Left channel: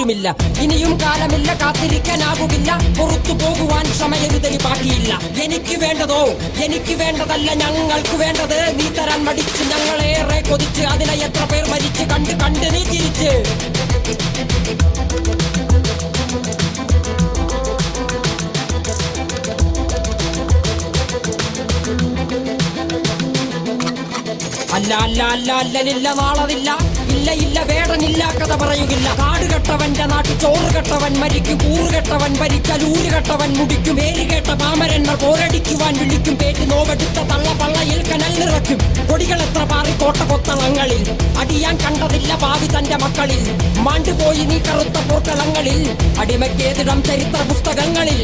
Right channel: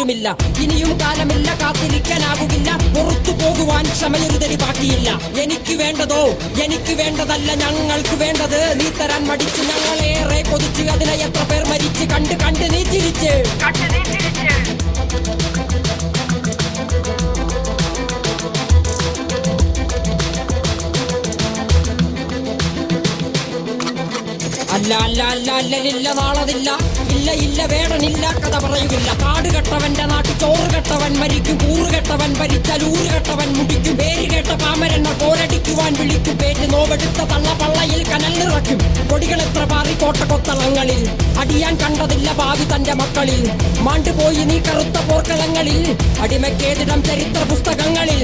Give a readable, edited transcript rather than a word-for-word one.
ആരുമില്ല. ഇനിയും കാലമില്ല, കാത്തിരിക്കാനാവുകില്ല, പുറത്തു പോകുവാൻ സമയരുതരി പാടിയില്ല. എനിക്ക് വേണ്ടതോ എനിക്ക് വേണ്ടതല്ല, ഞങ്ങൾക്ക് വേണ്ടത് നീ തരാൻ പഠിച്ച് ഞങ്ങളേറെ കൊതിച്ച് അതിനെ എത്ര പേർ മരിച്ച് കണ്ട് കണ്ട് നീ ചിരിച്ച്. അല്ല അല്ല അല്ല അല്ലരില്ല നാളതില്ല, ഇല്ല ഇല്ല വേടനില്ല, കഥ പറയുകില്ല. കാട് കെട്ടവന്റെ നാട്ടിൽ ചോറ് കെട്ടവൻ മരിക്കും, കൂറ് കെട്ടവൻ ഭരിച്ചാൽ ഊര് കെട്ടവൻ മുടിക്കും. പേര് കേട്ട പാമരന്മാർ പോരടിക്കുവാൻ വിളിക്കും, പേറ്റ് നോവെടുത്ത തള്ള പള്ളയിൽ കനൽ നിറയ്ക്കും. കൊടികളെത്ര പാറി കോട്ട കൊത്തളങ്ങളിൽ, അടിയാൻ കണ്ടതില്ല ഭാവി തന്റെ മക്കളിൽ. മാണ്ടുപോയി നീ കറുത്ത പോർക്കളങ്ങളിൽ, അടിവയ്ക്കേതിടം ചരിത്ര പുസ്തകങ്ങളിൽ.